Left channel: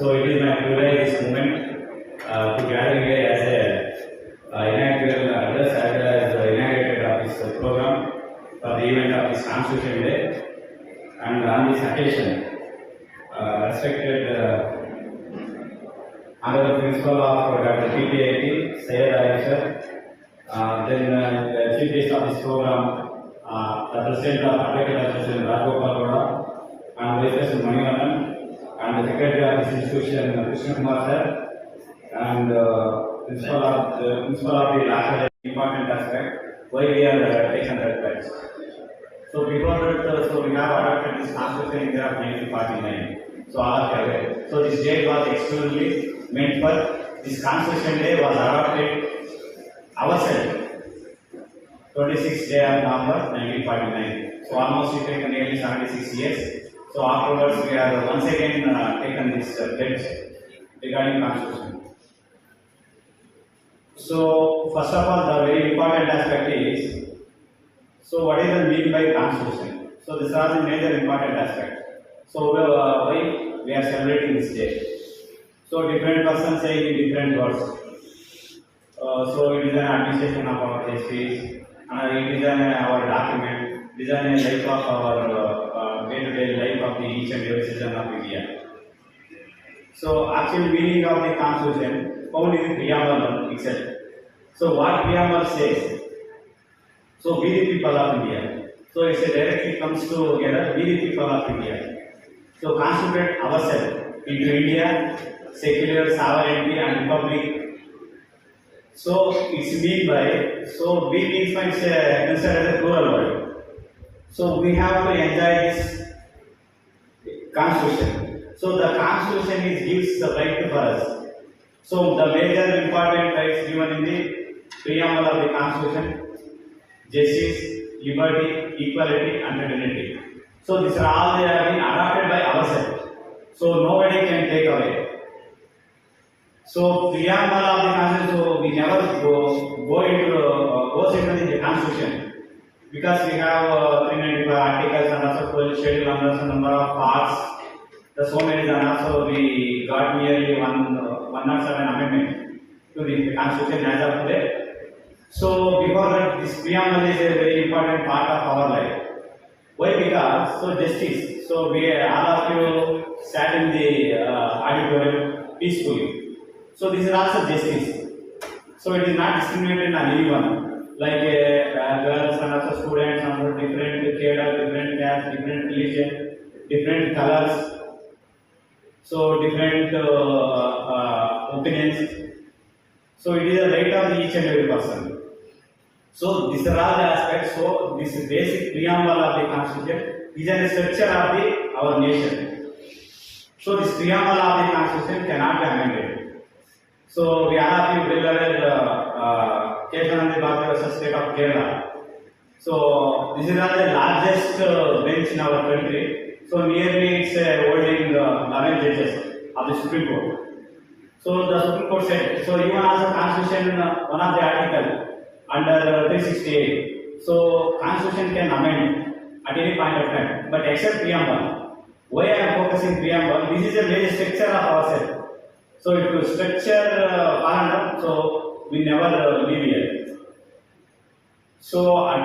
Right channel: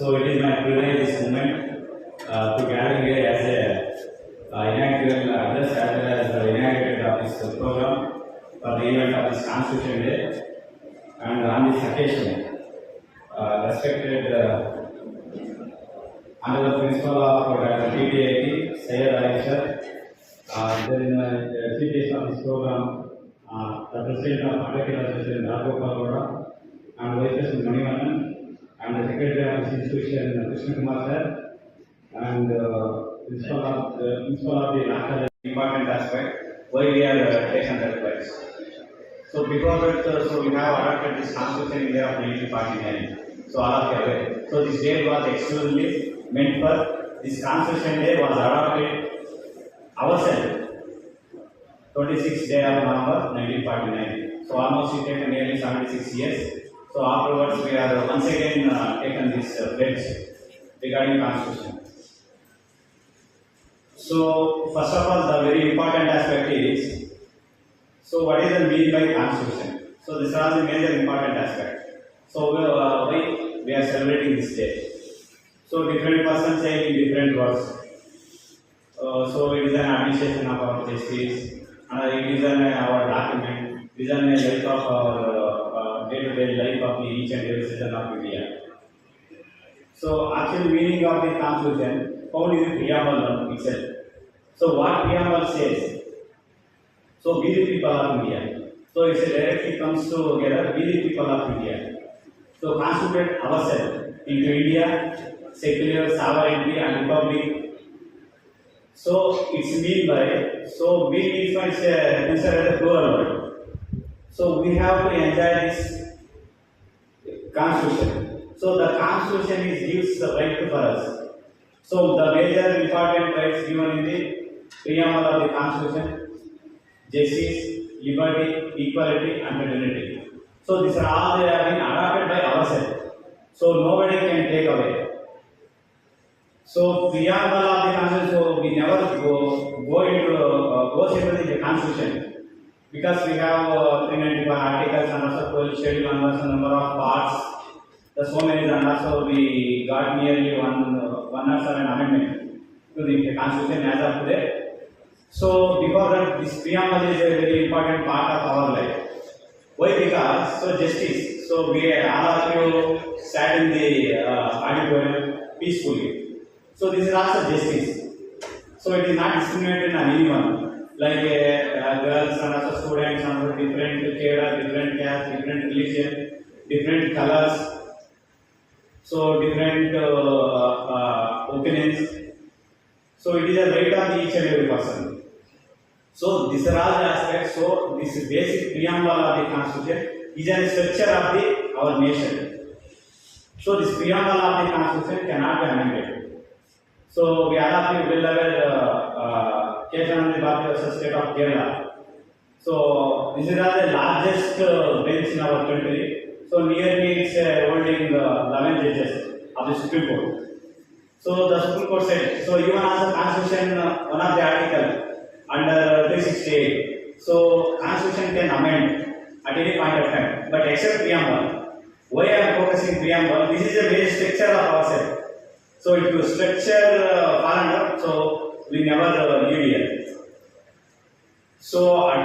So it is my privilege this moment to gather here as a inaugural address as well as the inaugurated of this program for the event of this Constitution Day. And on this occasion, respected Honorable Principal of Dr. PTAT, Sayed then the Chief Guest of this program, the President of Advocate Association, Rajgopal, and Vice President Manivannan, and the Secretary of this institution, Krishna Kumar sir, and Principal of the national important aspect, why we are taken that place. So before that, so we have adopted this Constitution in the year of 1949. So all of you aware. So this date was exclusively meant for this Constitution Day was adopted ourselves. 26th day of November 1949. So almost we taken nearly 76 years. So afterwards we are once again taken this pledge regarding Constitution. So first of all, the very important aspect is, so what is the meaning by Constitution? So these are the major important aspect. So why we are celebrating this day? So different persons say in different words. So it is an administration of our justice, it is our document, it is a life of our day-to-day life of the each and every citizen of India. So actual meaning of the Constitution found in the preamble itself. So what preamble says? So we the people of India. So it directly comes together, we the people of India. So constitute ourselves into India, secular, sovereignty and republic. So it's mean by, so we means by considered as a plural word. So we have to enjoy this Constitution. So the Constitution gives the right for us. So the major important rights given in the preamble of the Constitution: justice, liberty, equality, and fraternity. So these are all they have been adopted by ourselves. So nobody can take away. So preamble of the Constitution, so we never goes into the Constitution because we have 395 articles and also 12 schedule and also number of parts. The so many and also we got nearly 107 amendment to the Constitution as of today. So because that this preamble is a very important part of our life. Why? Because so justice. So we all of you sat in the auditorium peacefully. So this is also justice. So it is not discriminated on anyone, like girls and also students and different gender, different caste, different religion, different colors. So different opinions. So it is a right of each and every person. So these are all the aspects. So this basic preamble of the Constitution is a structure of our nation. So this preamble of the Constitution cannot be amended. So we are well aware the state of Kerala. So this is the largest bench in our country. So nearly it's holding 11 judges of the Supreme Court. So the Supreme Court said, so even as a Constitution, one of the article under 368. So Constitution can amend at any point of time, but except preamble. Why I am focusing preamble? This is a very structure of ourselves. So if you structure up, so we never leave here. So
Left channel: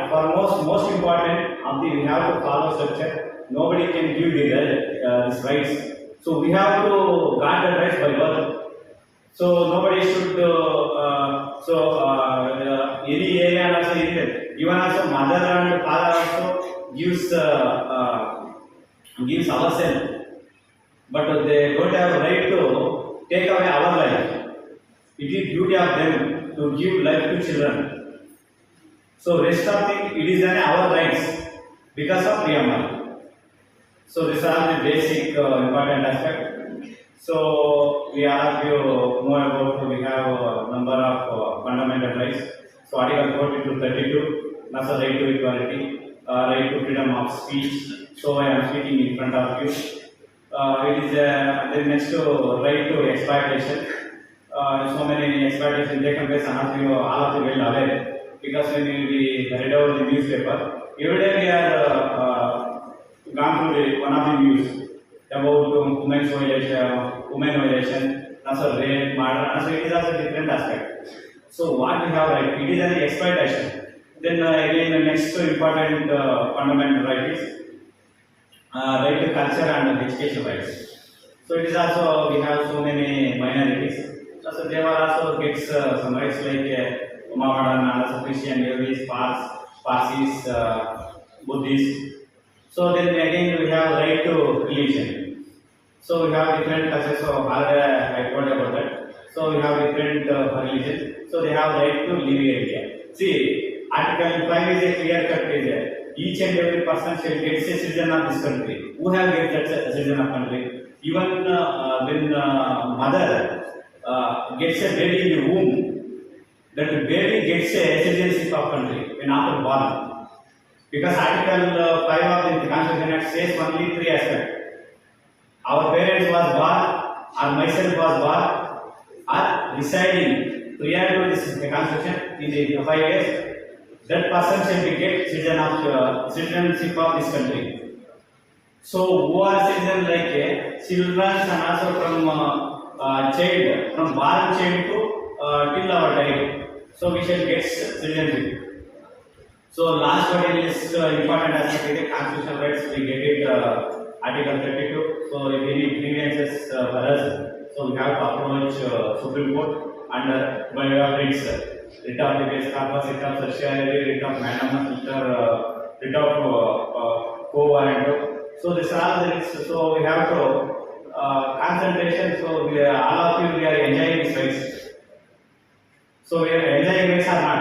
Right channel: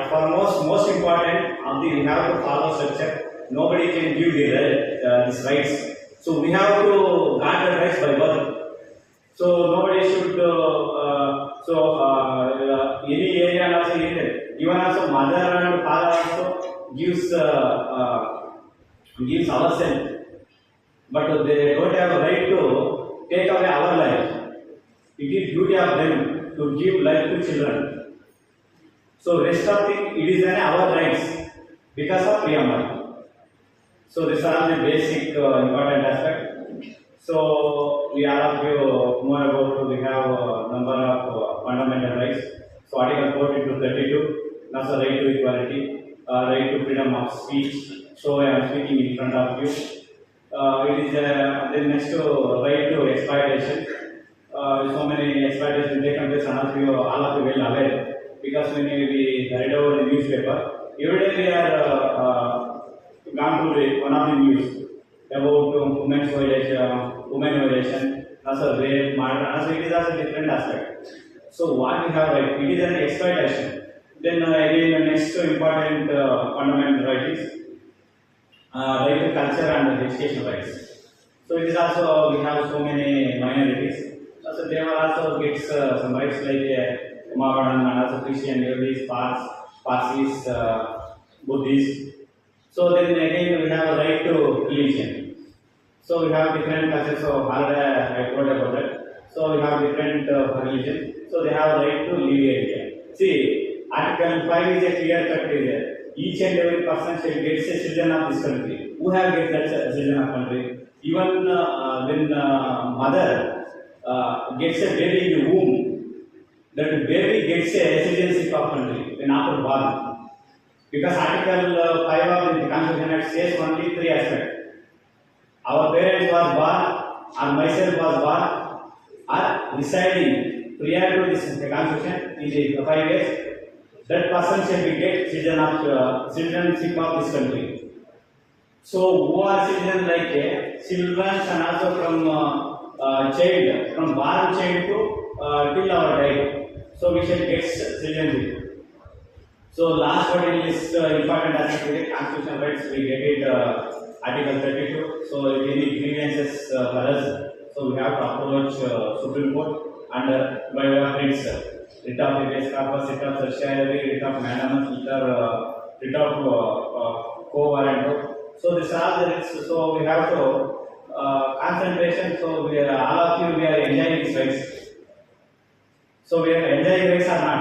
for most important, we have to follow structure. Nobody can give these rights. So we have to guard the rights by birth. So nobody should. Any area also even also mother and father also gives ourselves, but they don't have a right to take away our life. It is duty of them to give life to children. So rest of thing, it is our rights because of preamble. So these are the basic important aspect. So we all of you know about we have a number of fundamental rights. So Article 40 to 32, that's the right to equality, right to freedom of speech. So I am speaking in front of you. It is the next right to exploitation. So many exploitation taken place, and all of you well aware because when we read out the newspaper, every day we are gone through one of the news. about women violation, also rape, murder, also it is also different aspect. So what we have right, it is an exploitation. Then again the next important fundamental right is right to culture and education rights. So it is also we have so many minorities. So there are also gets some rights like Mohammedan and also Christian, Jewish, Parsis, Buddhist. So then again we have right to religion. So we have different cultures. So already I told about that. So we have different religions. So they have right to live area. See, Article 5 is a clear cut area. Each and every person shall get a citizen of this country. Who have get that citizen of country? Even when mother gets a baby in the womb, that baby gets a citizenship of country when after born. Because Article 5 of the Constitution Act says only three aspects. Our parents was born, or myself was born, or residing prior to this Constitution in the 5 years. That person shall be get citizenship of this country. So who are citizen like children and also from child, from born child to till our die. So we shall get citizenship. So last one is important aspect is the constitutional rights. We get it Article 32. So if any grievances for us, so we have to approach Supreme Court under by way of writs, writ of habeas corpus, writ of certiorari, writ of mandamus, writ of quo warranto. So this are all the writs. So we have to concentration. So we are, all of you we are enjoying these rights. So we are enjoying rights or not?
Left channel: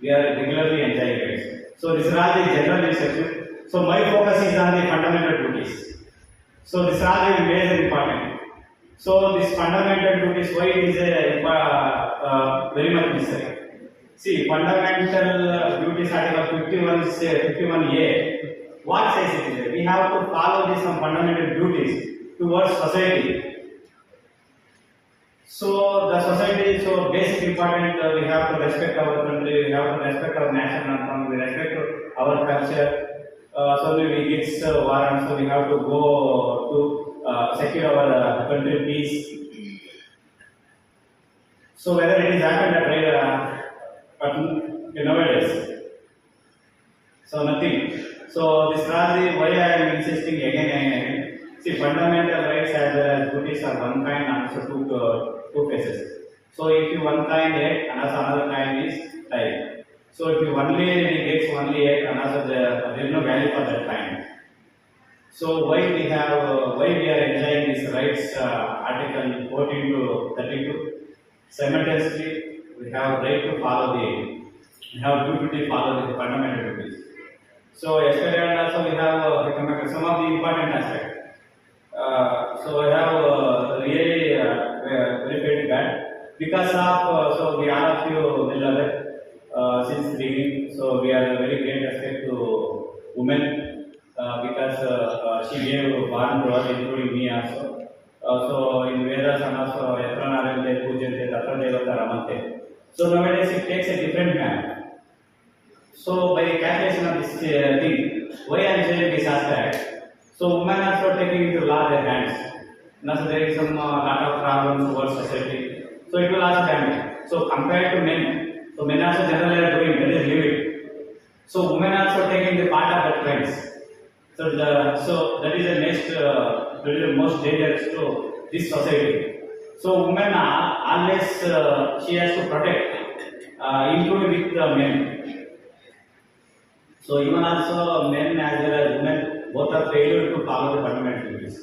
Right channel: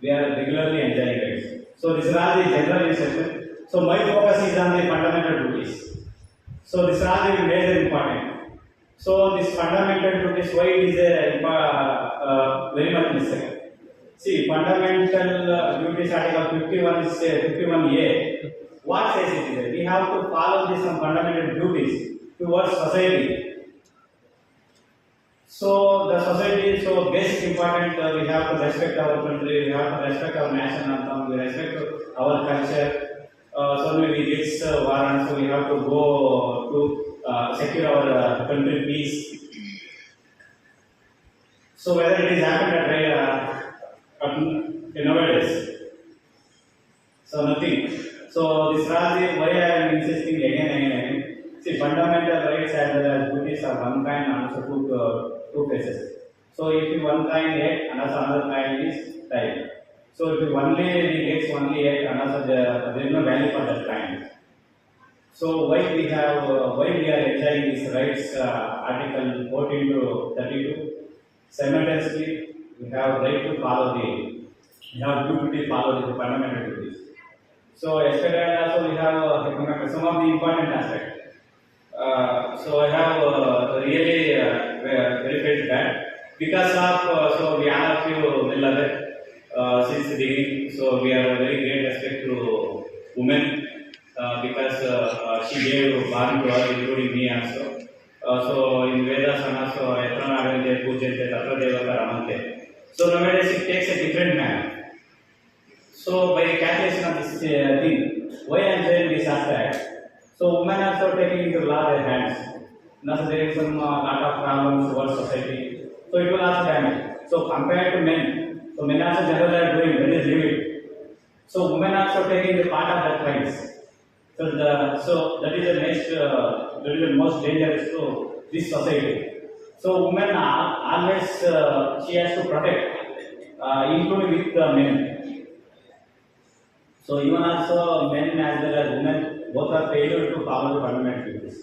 We are regularly enjoying rights. So this is all the general instruction. So my focus is on the fundamental duties. So this is all the major important. So this fundamental duties, why it is very much necessary. See, fundamental duties Article 51 is 51A. What says it is? We have to follow these some fundamental duties towards society. So the society, so basic important, we have to respect our country, we have to respect our national anthem, we respect our culture. So we get warrants, so we have to go to secure our country peace. So whether it is happened at nowadays, so nothing. So this Raji, why I am insisting again and again. See, fundamental rights as well as duties are one kind and also two phases. So if you one kind act, another kind is time. So if you only gets only act, another there is no value for that kind. So why we are enjoying these rights, Article 14 to 32. Simultaneously, we have right to follow we have duty to follow the fundamental duties. So yesterday also we have some of the important aspects. So I have really very bad because of so we all of you will aware since the beginning. So we are very great respect to women because she gave born to us, including me also. So in Vedas and also Yatranarinte Pujante Tatra Devata Ramante. So nowadays it takes a different man. So by calculation of this thing, why I am saying this aspect? So women are also taking into law their hands. Now so there is some lot of problems towards society. So it will also damage. So compared to men, so men also generally are doing, that is leave. So women are also taking the part of that trends. So that is the next, that is the most dangerous to this society. So women are always she has to protect, including with the men. So even also men as well as women both are failure to follow the fundamental duties.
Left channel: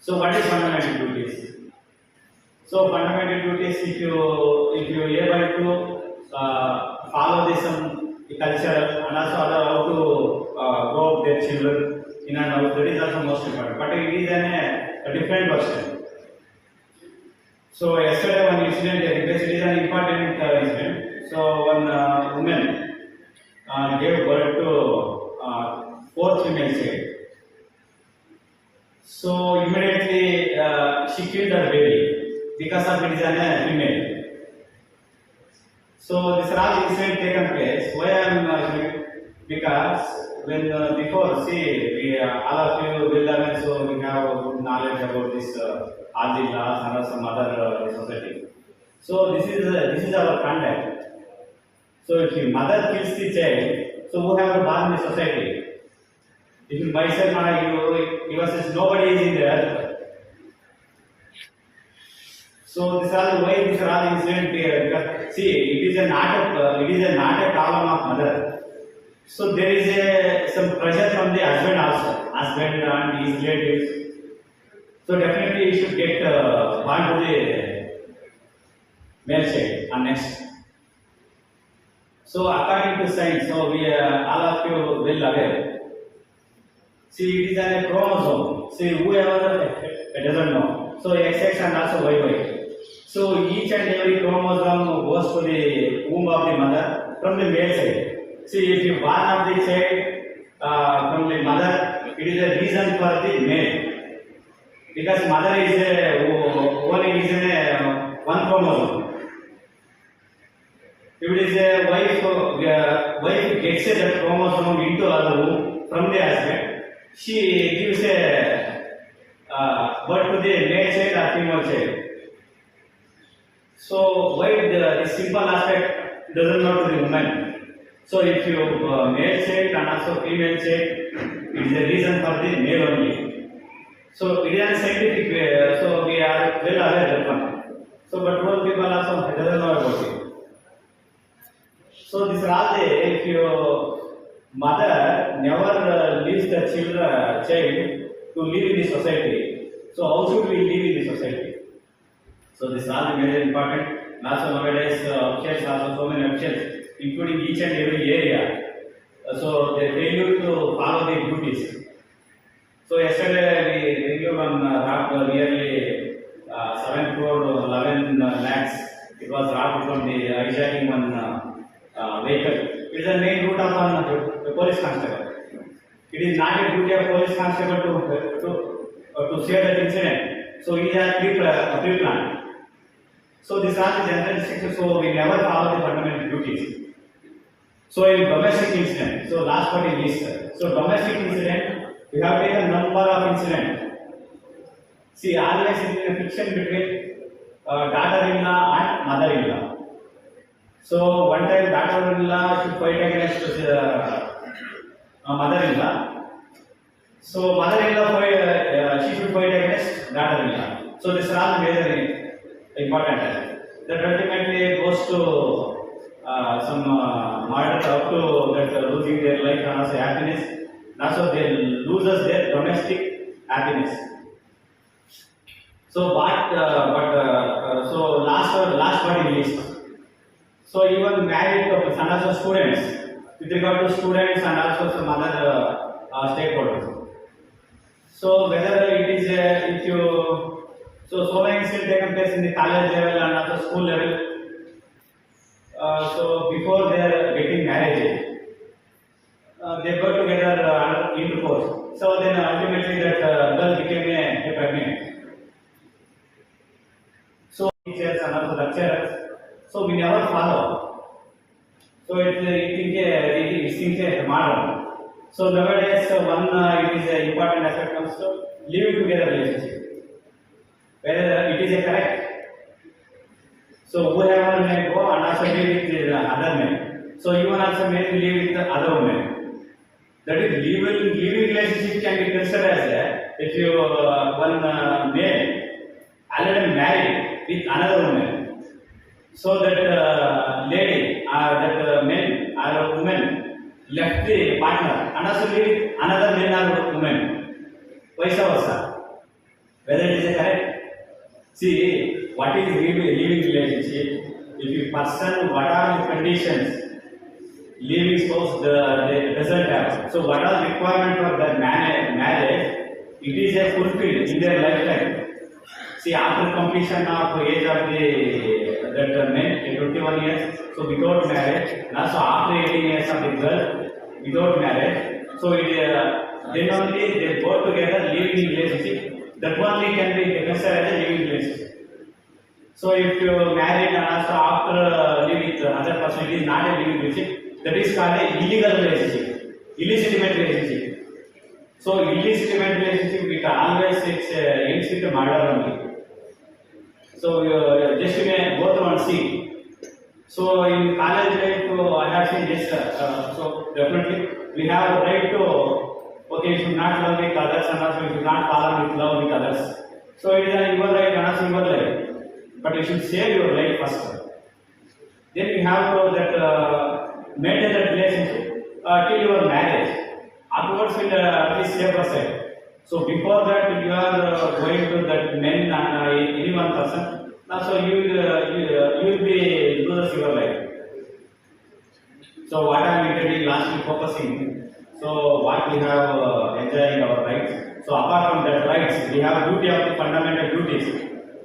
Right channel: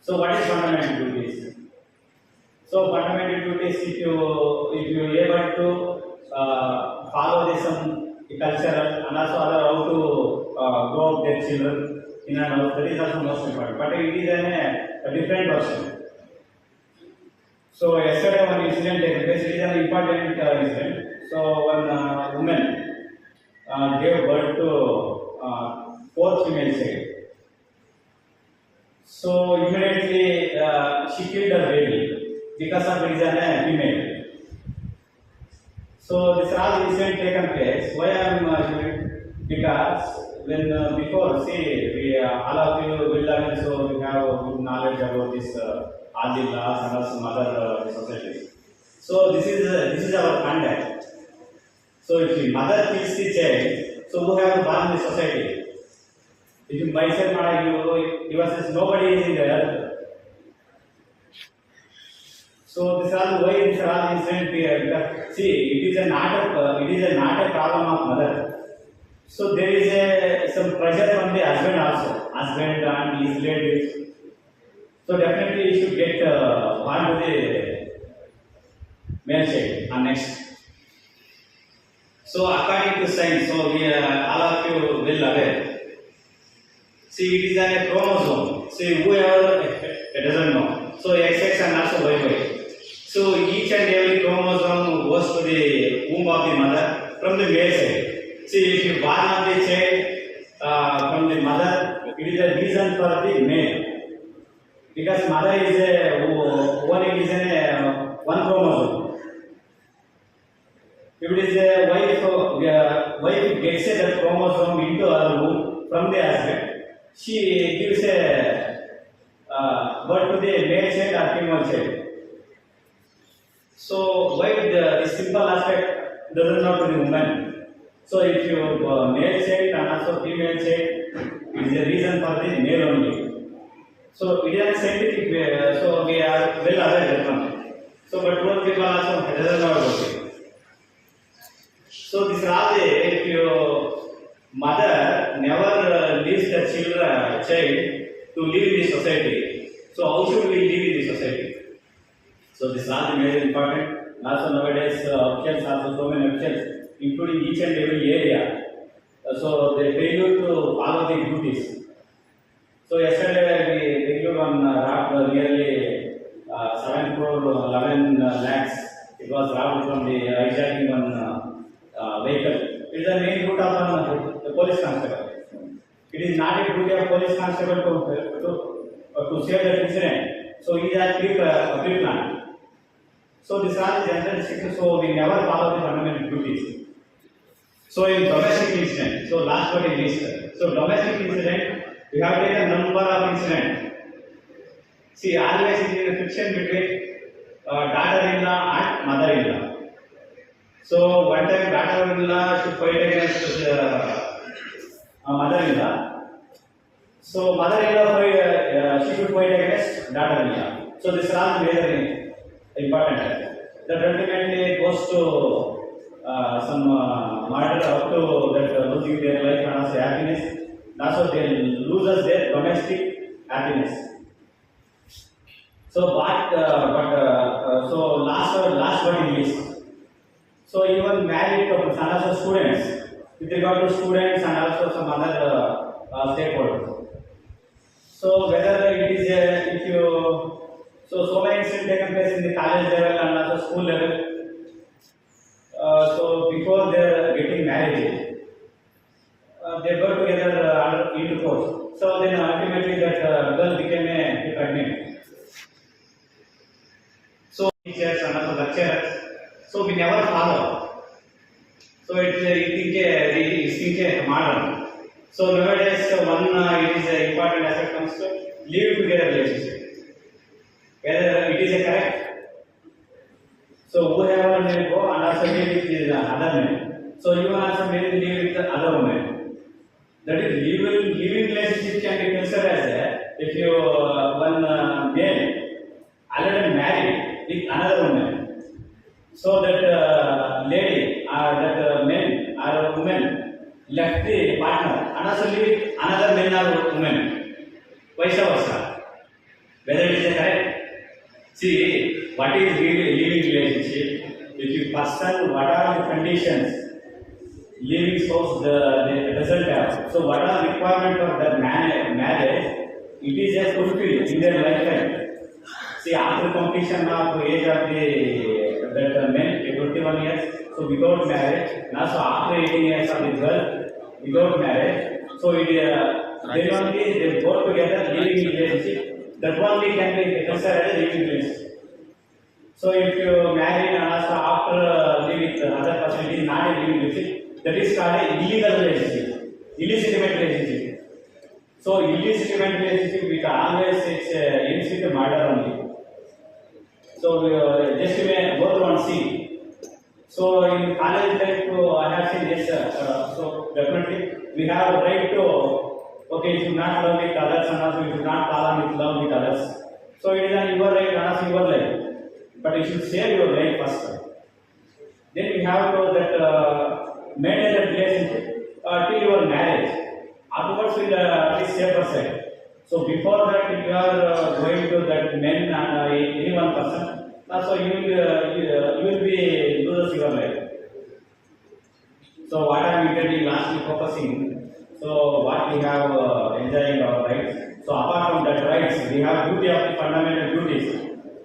So what is fundamental duties? So fundamental duties, if you are able to follow this some culture and also other how to grow their children in and out, that is also most important. But it is a different version. So yesterday one incident it is an important incident. So one woman gave birth to 4 female child. So immediately she killed her baby because of it is a female. So this whole incident taken place. Why I am because when before, see, we, all of you will learn, so we have a good knowledge about this, all the laws and some other societies. So this is our conduct. So if your mother kills the child, so who have born in the society? If you myself or you says nobody is in the earth. So this are why these are all incident here. Because see, it is not a problem of mother. So there is some pressure from the husband also, husband and his relatives. So definitely he should get born to the male child and next. So according to science, so we all of you will aware. See, it is a chromosome. See, whoever doesn't know. So XX and also YY. So each and every chromosome goes to the womb of the mother from the male side. See, if you born of the child from the mother, it is a reason for the male. Because mother is owning is one chromosome. If it is a wife gets that chromosome into her womb from the husband, she gives a birth to the male child or female child. So why the simple aspect doesn't know to the woman? So if you male child and also female child is a reason for the male only. So it is a scientific way. So we are well aware of it. So but most people also doesn't know about it. So this is all if your mother never leaves the child to live in the society. So how should we live in the society? So this is all the major important. Also nowadays options also so many options, including each and every area. So they failure to follow the duties. So yesterday we reviewed on robbed nearly 7 crore 11 lakhs. It was robbed from the hijacking one vehicle. It is the main route of the police constable. It is not a duty of police constable to save that incident. So it is a pre-plan. So these are the general instructions. So we never follow the fundamental duties. So in domestic incident, so last but not least, so domestic incident, we have taken number of incident. See, always it is a friction between daughter-in-law and mother-in-law. So one time daughter-in-law should fight against mother-in-law. So mother-in-law she should fight against daughter-in-law. So this is all very important. That ultimately goes to some murder up to that losing their life and also happiness. Also they loses their domestic happiness. So so last but not least. So even married couples and also students, with regard to students and also some other stakeholders. So whether it is if you so many incidents taken place in the college level and also school level. So before they are getting married, they go together under intercourse. So then ultimately that girl became a pregnant. So teachers and also lecturers. So we never follow. So it's a modern. So nowadays one it is an important aspect comes to living together relationship. Whether it is a correct. So whoever may go and also live with the other man. So you also may live with the other woman. That is living relationship can be considered as if you one male already married with another woman. So that lady or that man or woman left the partner and also live with another man or woman. Vice versa. Whether it is correct. See, what is living relationship? If you person, what are the conditions living spouse doesn't have? So what are the requirements of that marriage? It is a fulfilled in their lifetime. See, after completion of age of that men, 21 years, so without marriage, and also after 18 years of the girl, without marriage, so it then only they go together living relationship. That only can be considered as a living relationship. So if you married and also after live with other person, it is not a living relationship. That is called a illegal relationship. illegitimate relationship. So illegitimate relationship, it always ends with murder only. So just go through and see. So in college life, I have seen yes. So definitely we have a right to. Okay, you should not love with others, and also you should not fall with love with others. So it is your right and also your life. But you should save your life first. Then you have to maintain that relationship till your marriage. Afterwards, will please save yourself. So before that, you are going to that men and any one person. So you will be losing your life. So what I am intending lastly focusing. So what we have enjoying our rights. So apart from that rights, we have duty of the fundamental duties.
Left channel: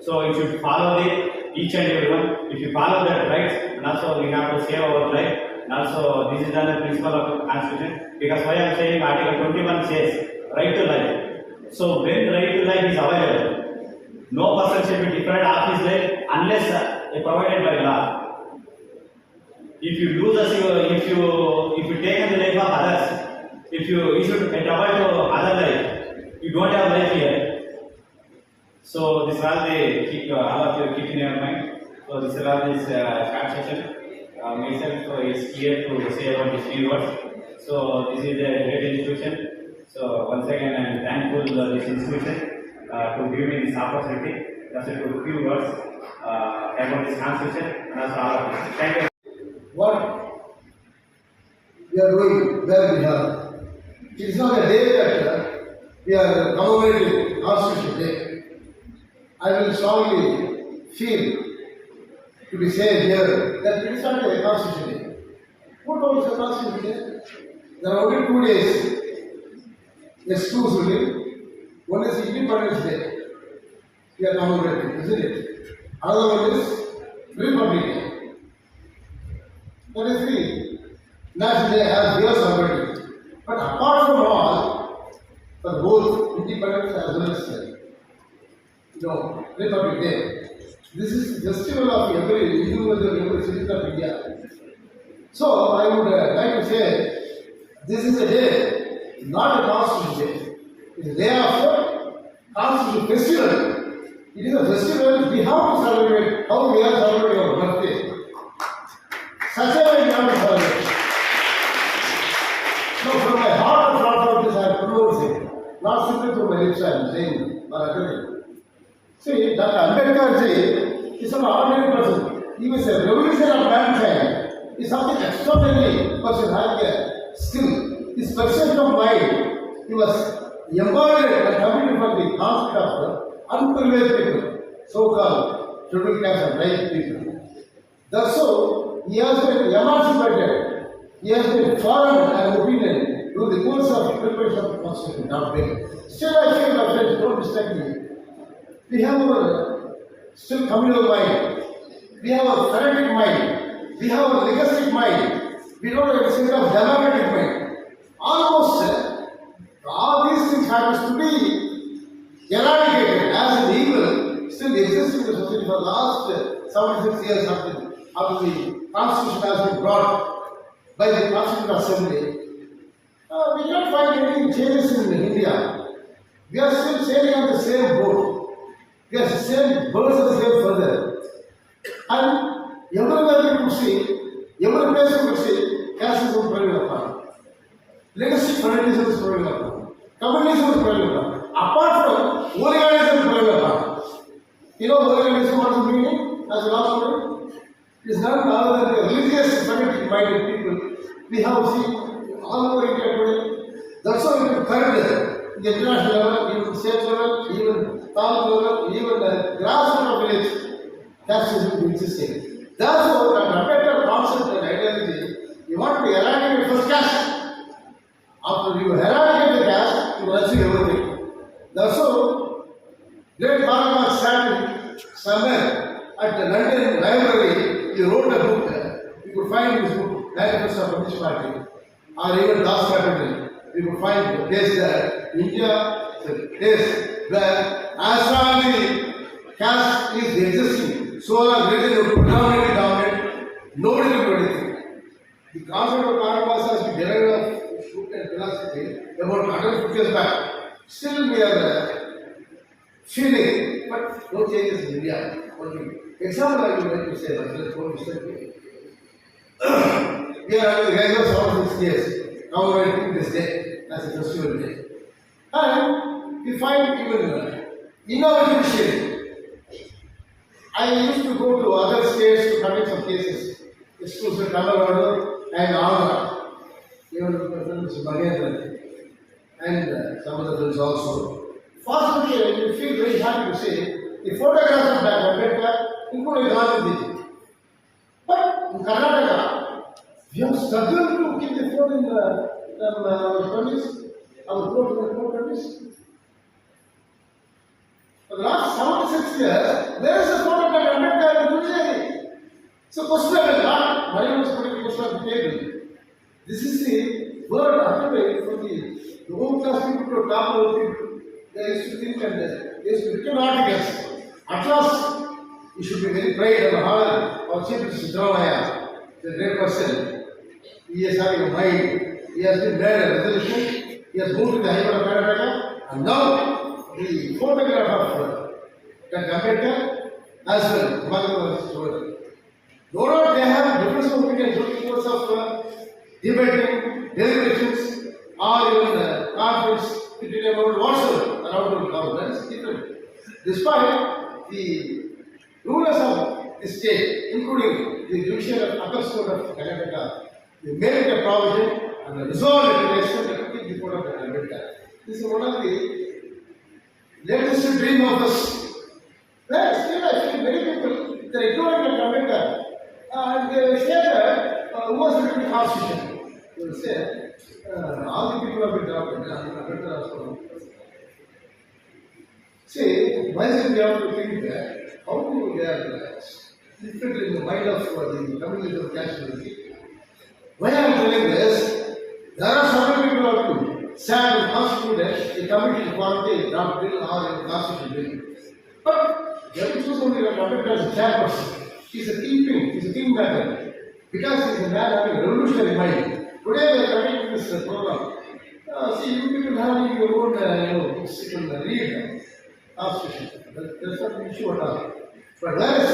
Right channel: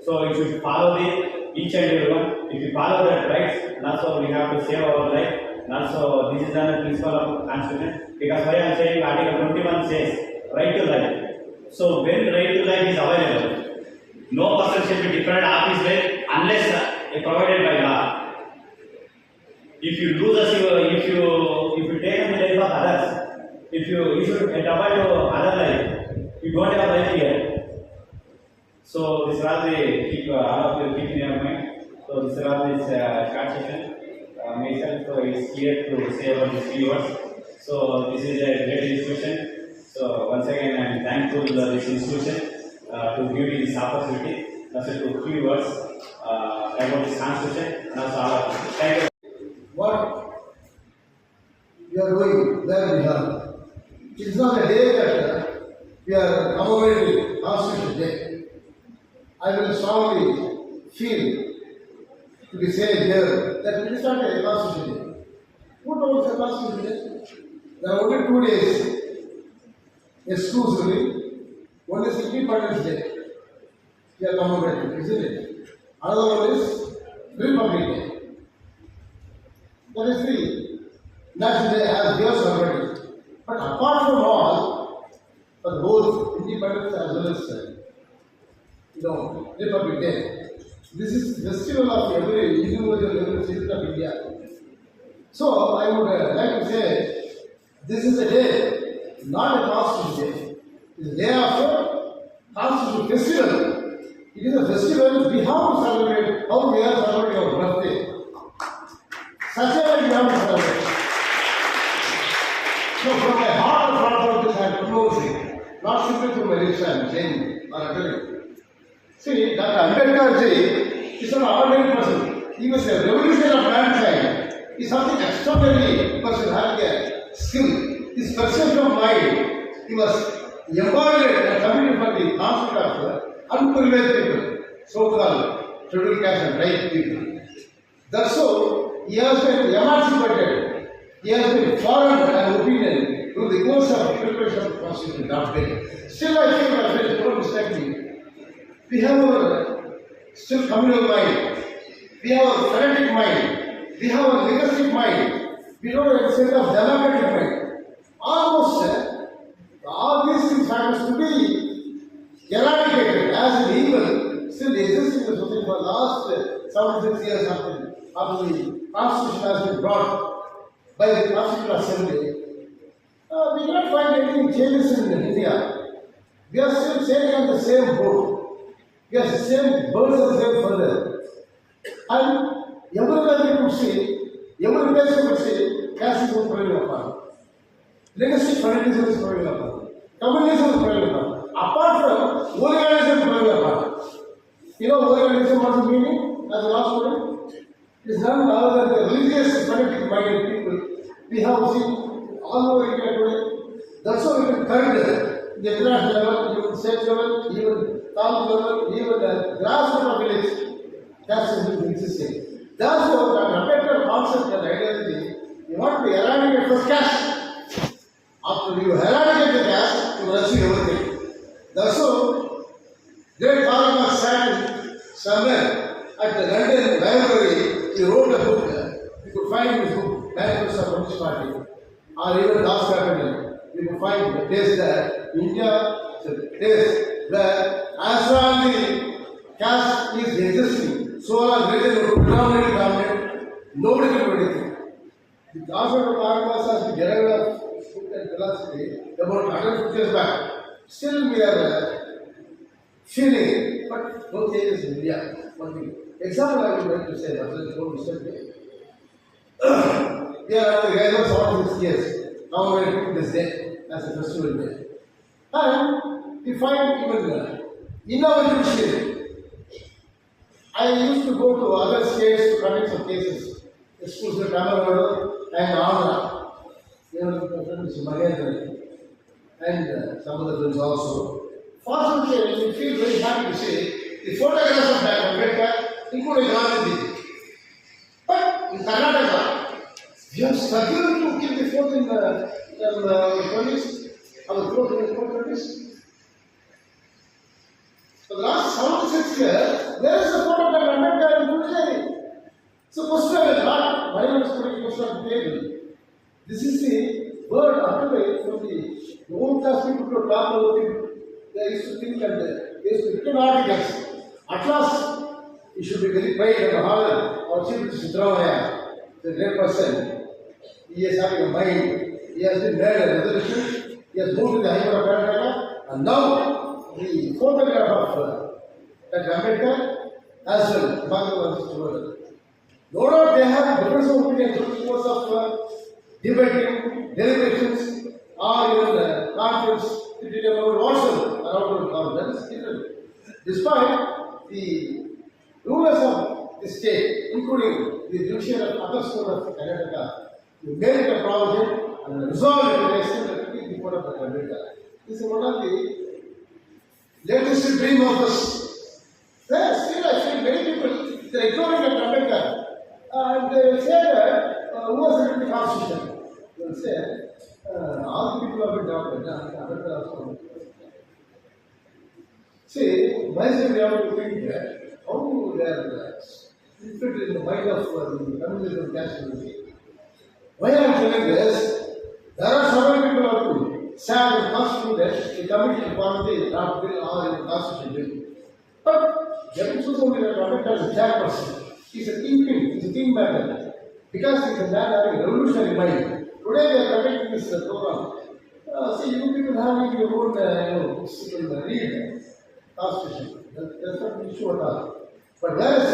So you should follow the each and every one. If you follow that rights, and also we have to save our life. And also this is another principle of Constitution. Because why I am saying Article 21 says right to life. So when right to life is available, no person should be deprived of his life unless provided by law. If you lose if you take the life of others, if you should avoid other life, you don't have life here. So this is all all of you keep in your mind. So this is all this short session. Myself so is here to say about these few words. So this is a great institution. So once again I am thankful to this institution to give me this opportunity. Just a few words about this constitution. And also thank you. What we are doing, where we are. It is not a day that we are commemorating Constitution Day. I will strongly feel to be said here that it is not a Constitution Day. Who told us a Constitution Day? There are only 2 days exclusively. One is Independence Day. We are commemorating, isn't it? Another one is Republic Day. That is the National Day as we are celebrating. But apart from all, for both independence as well as Republic Day, this is the festival of every individual citizen of India. So I would like to say, this is a day, not a Constitution Day. It is a day of a Constitution festival. It is a festival we have to celebrate how we are celebrating our birthday. Such a way we have to celebrate. So from my heart of love for this I am pronouncing, not simply through my lips I am saying or uttering. See, Dr. Ambedkar ji is an ordinary person. He was a revolutionary of mankind. He is something extraordinary person having a skill. His perception of mind, he was embodied and committed for the concept of unprivileged people, so-called scheduled caste and right people. Thus, so, he has been emancipated. He has been formed an opinion through the course of preparation of the Constitution, not very. Still, I feel my friends, don't mistake me. We have our still communal mind. We have our fanatic mind. We have our legalistic mind. We don't have a set of democratic mind. Almost all these things happens to be eradicated as an evil still exists in the society for the last 76 years after the Constitution has been brought by the Constitutional Assembly. We cannot find any changes in India. We are still sailing on the same boat. We are the same birds of the same feather. And everywhere we could see, every place we could see, caste is prevailing upon. Legacy fanatism is prevailing upon. Communism is prevailing upon. Apart from Oorganism is prevailing upon. You know Oorganism what's the meaning as a last word? It is none other than the religious fanatic minded people. We have seen all over India today. That's why we can current the international level, even state level, even Taluk level, even the grassroots of village, caste is existing. That's why the better concept and ideology, you want to eradicate first caste. After you eradicate the caste, you will achieve everything. That's why great Bhagavad sat somewhere at the London Library, he wrote a book. You could find his book, Manifesto of Communist Party, or even Das Capital. You could find the place there. India is a place where as long as the caste is existing, so long as religion is predominantly dominant, nobody can do anything. The concept of Bhagavad has been derived book and philosophy about 150 years back. Still we are feeling, but no changes in India. Only example I would like to say, but let's go to step. We are having regular 46 years. Now we are taking this day as a festival day. And we find even innovative sharing. I used to go to other states to conduct some cases, especially Tamil Nadu and Andhra. Even my friend Mr. Mahendra and some other friends also. Fortunately, we feel very happy to say the photographs of Dr. Ambedkar, including Gandhi. But in Karnataka, we have struggled to keep the photo in our countries, our countries. For the last 76 years, there is a photo of Dr. Ambedkar in Pujari. So, question is not, Maria was putting the question on the table. This is the word articulate for the old class people to top level people. They used to think and they used to written articles. At last, you should be very proud of our chief Mr. Thimmaiah, the great person. He is having a mind. He has been made a resolution. He has moved to the High Court of Karnataka. And now, the photograph of Dr. Ambedkar as well. No doubt they have different opinions during the course of debating, deliberations, or even conference, about whatsoever around the government. That is different. Despite the rulers of the state, including the judicial appeals court of Karnataka, they made a provision and resolved it to the extent that keep the court of Karnataka. This is one of the latest dream of us. There, still I feel many people, they are ignoring the Karnataka and they say that who was written the constitution? They will say, all the people have been doctored. See, myself we have to think that how they are infiltrated in the mind of the communism nationality. Why I am telling this? There are several people who have to stand and constitute a committee to form the draft bill or a constitution bill. But they will choose only a Ambedkar as a chairperson. He is a thinking, he is a kingmaker. Because he is a man having a revolutionary mind. Today we are coming to this program. See, you people having your own books, you can read constitution. That's not an issue at all. But whereas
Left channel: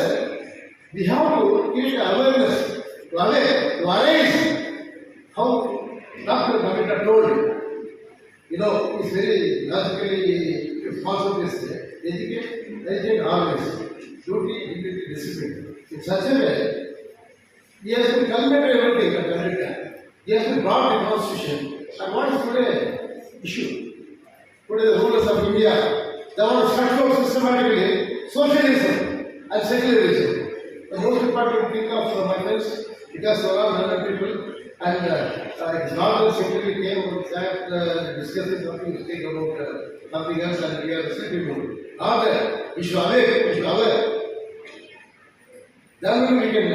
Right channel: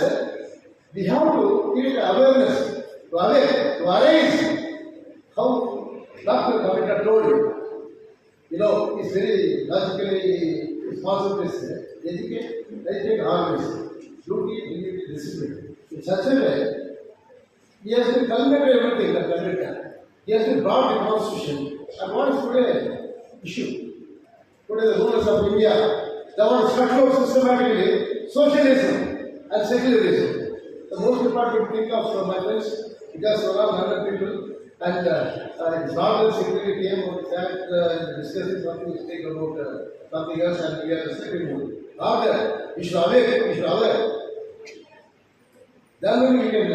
we have to create awareness, to arise how Dr. Ambedkar told you. It's very logically responsible to educate, organize, duty, dignity, discipline. In such a way, he has been culminated everything at America. He has been brought the constitution. And what is today issue? Today the rulers of India, they want to structure systematically socialism and secularism. The most important thing of my friends, because there are 100 people, and his daughter secretary came and sat discussing something to speak about something else, and we are sleeping mood. Now that we should aware. Then only we can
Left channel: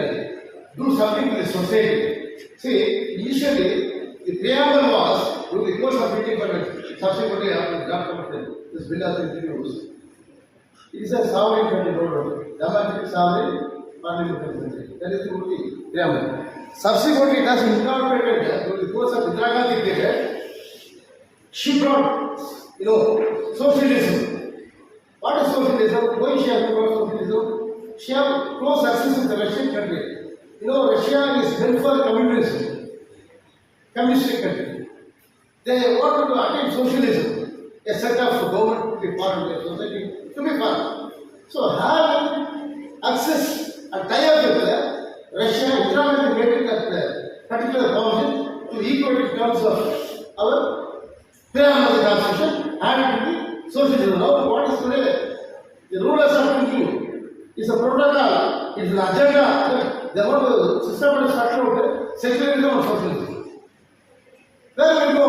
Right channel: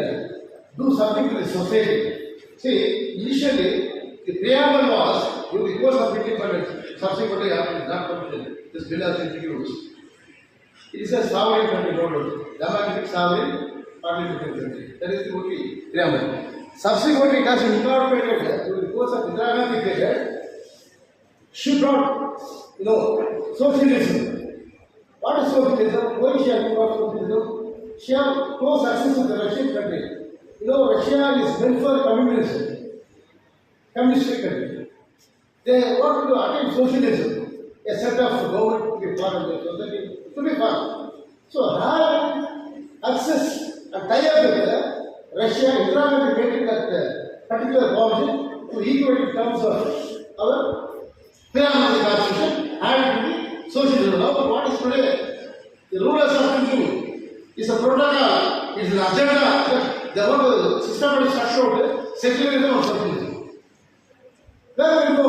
do something to the society. See, initially, the preamble was, through the course of independence, subsequently after that commission, this bill has been introduced. It is a sovereign country, democratic sovereign, parliamentary country. That is the only preamble. Subsequently, it has been incorporated through the course of Indira Gandhi period. She brought, socialism. What is socialism? Why she has brought socialism? She has close access to the Russian country. Russia is meant for communism, communistic country. They want to attain socialism, a set of government to be part of their society, to be part. So, having access and tie up with Russia, Indira Gandhi made that particular provision to equate in terms of our pyramid constitution and the socialism. Now, what is today? The rulers are thinking is a protocol, is an agenda. They want to systematically structure secularism or socialism. Where we go?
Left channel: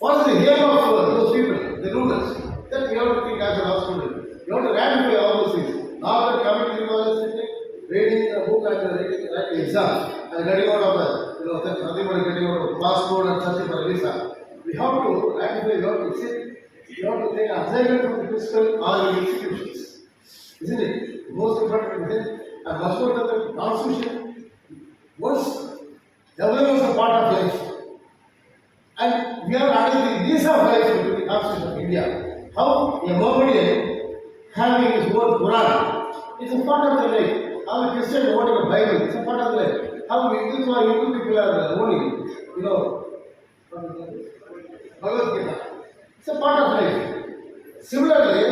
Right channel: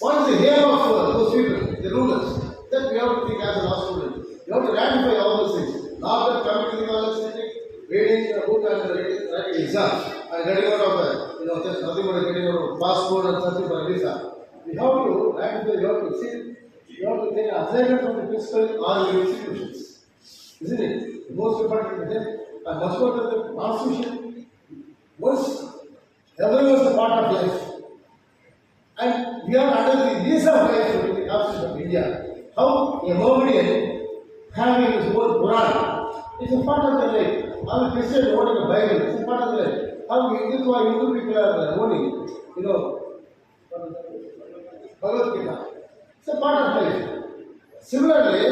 What is the aim of those people, the rulers? That we have to think as an hospital. You have to ratify all those things. Not that coming to the college, reading a book and writing exams and getting out of there's nothing but getting out of passport and searching for a visa. We have to ratify, we have to sit, we have to take an assignment from the principal or the institutions. Isn't it? The most important thing. And much more than the constitution, once everyone is a part of life, And we are under these are rights to the Constitution of India. How a Mohammedan having his own Quran, it's a part of the life. How a Christian owning a Bible, it's a part of the life. How Hindus or Hindu people are owning, Bhagavad Gita. It's a part of life. Similarly,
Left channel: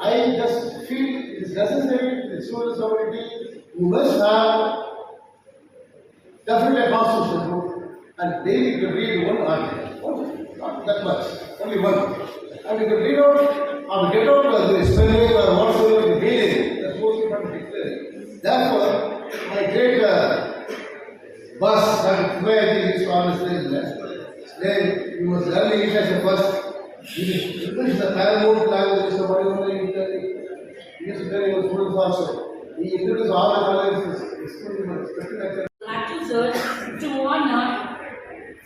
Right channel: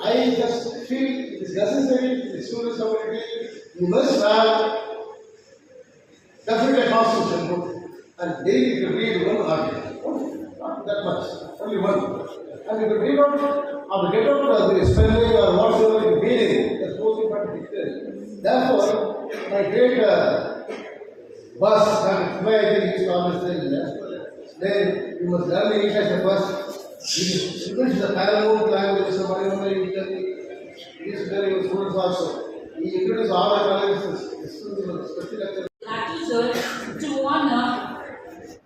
I just feel it is necessary, the civil society, you must have definitely a constitution book and daily you can read one article. Not that much, only one. And you can read out or get out the spelling or whatsoever you read, that's most important declaring. Therefore, my great boss, Thimmaiah, used to always say that, then you must learn English as a first. He finished the Taluk language, somebody only he used to tell his students also. He introduced all the colleges, the students, especially Sir, to honor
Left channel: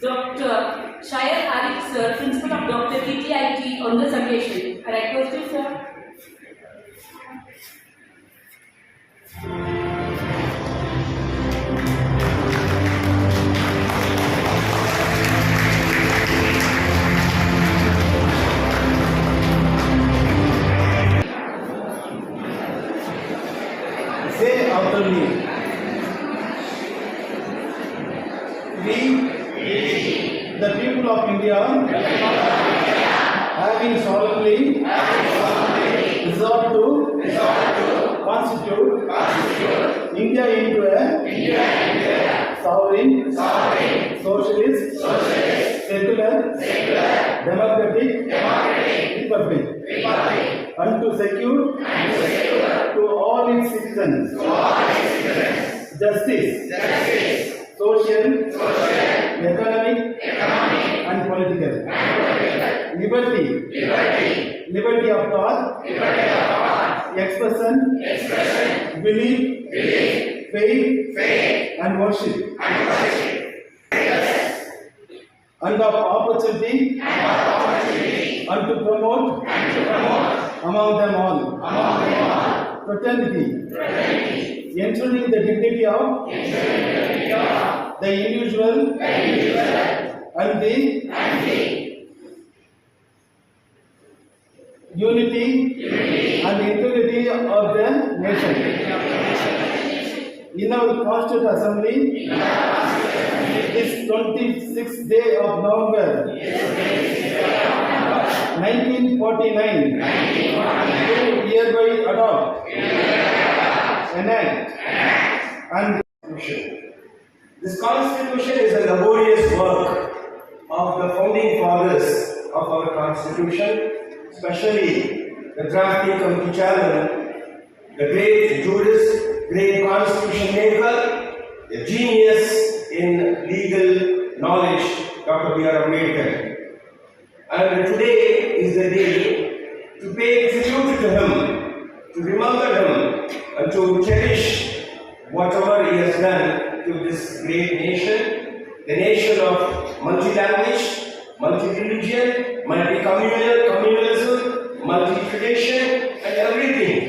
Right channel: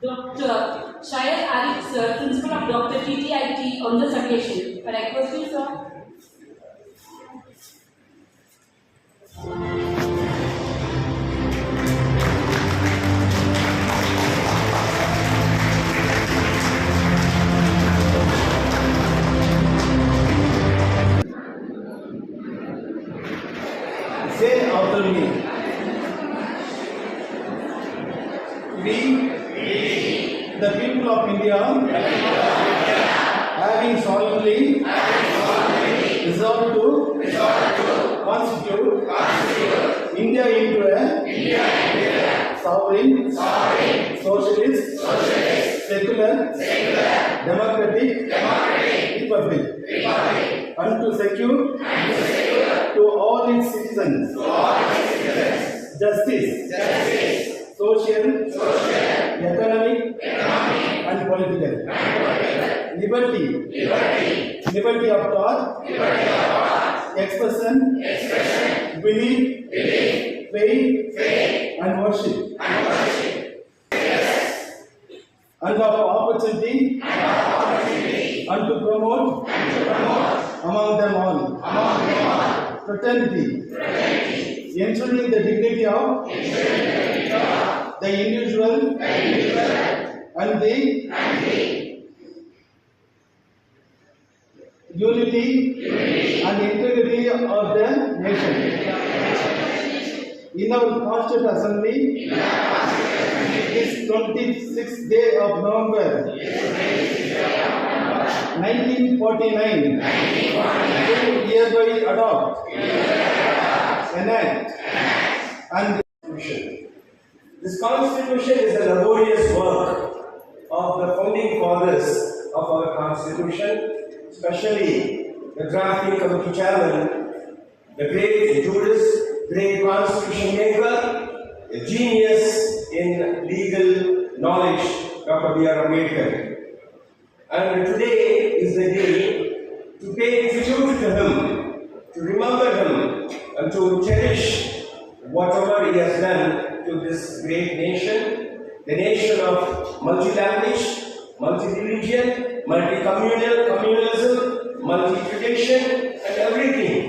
Dr. Shayad Arif Sir, Principal of Dr. TTIT on this occasion. I request you, sir. Say after me. We, the people of India, having solemnly resolved to constitute India into a sovereign, socialist, secular, democratic republic, and to secure to all its citizens justice, social, economic, and political. Liberty of thought, expression, belief, faith, and worship. And of opportunity, and to promote among them all fraternity, ensuring the dignity of the individual and the unity and integrity of the nation. In our Constituent Assembly, this 26th day of November 1949, do hereby adopt, enact, and this Constitution is a laborious work of the founding fathers of our Constitution, especially the drafting committee chairman, the great jurist, great constitution maker, a genius in legal knowledge, Dr. B.R. Ambedkar. And today is the day to pay tribute to him, to remember him, and to cherish whatever he has done to this great nation, the nation of multi-language, multi-religion, multi-communalism, multi-tradition, and everything.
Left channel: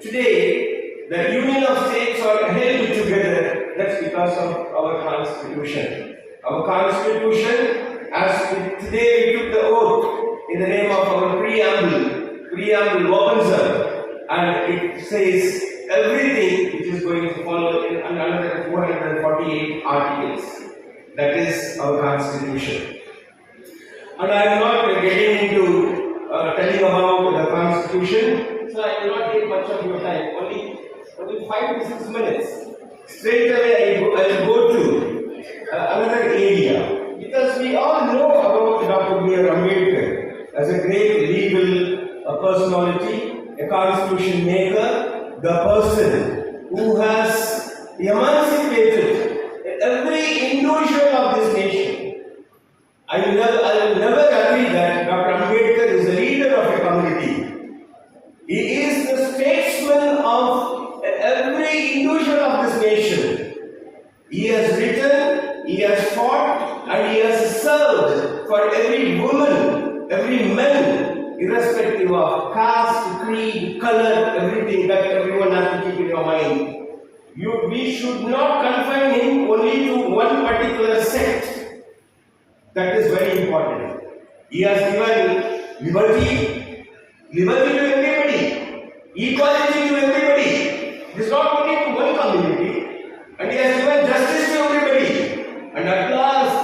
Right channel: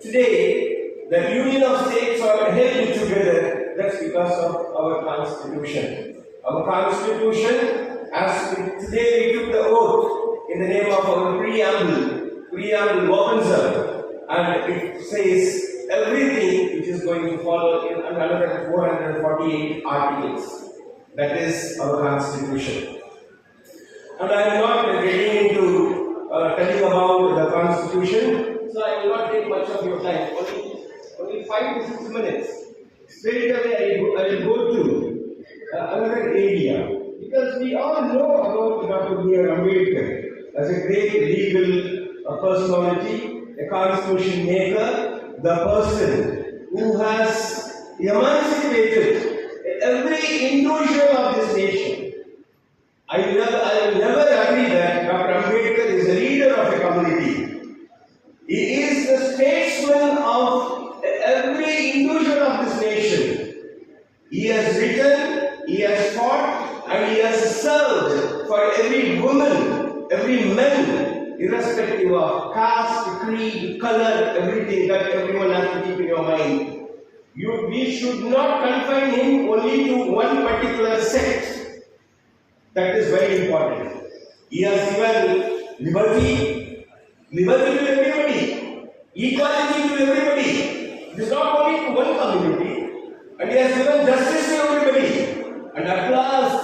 Today, the union of states are held together. That's because of our Constitution. Our Constitution, as today we took the oath in the name of our preamble opens up, and it says everything which is going to follow in another 448 articles. That is our Constitution. And I am not getting into telling about the Constitution, so I will not take much of your time. Only 5 to 6 minutes. Straight away I will go to another area, because we all know about Dr. B.R. Ambedkar as a great legal personality, a constitution maker, the person who has emancipated every individual of this nation. I will never agree that Dr. Ambedkar is a leader of a community. He is the statesman of every individual of this nation. He has written, he has fought, and he has served for every woman, every man, irrespective of caste, creed, color, everything that everyone has to keep in your mind. We should not confine him only to one particular sect. That is very important. He has given liberty to everybody, equality to everybody. It is not only to one community, and he has given justice to everybody. And at last,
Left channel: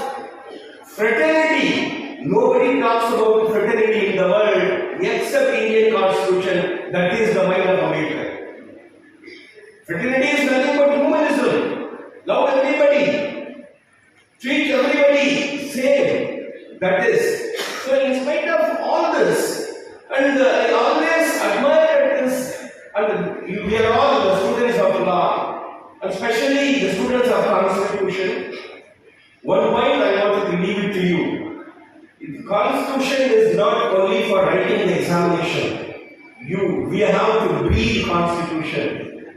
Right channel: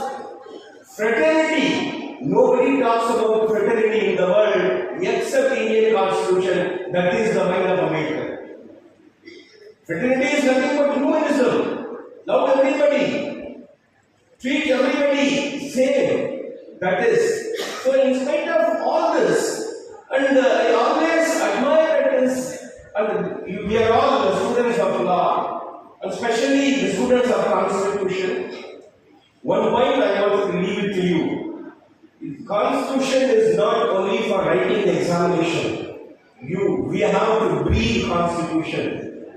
fraternity. Nobody talks about fraternity in the world except Indian Constitution. That is the mind of America. Fraternity is nothing but humanism. Love everybody. Treat everybody same. That is. So in spite of all this, and I always admire this, and we are all the students of law, and especially the students of Constitution. One point I want to leave it to you. The Constitution is not only for writing the examination. We have to breathe Constitution.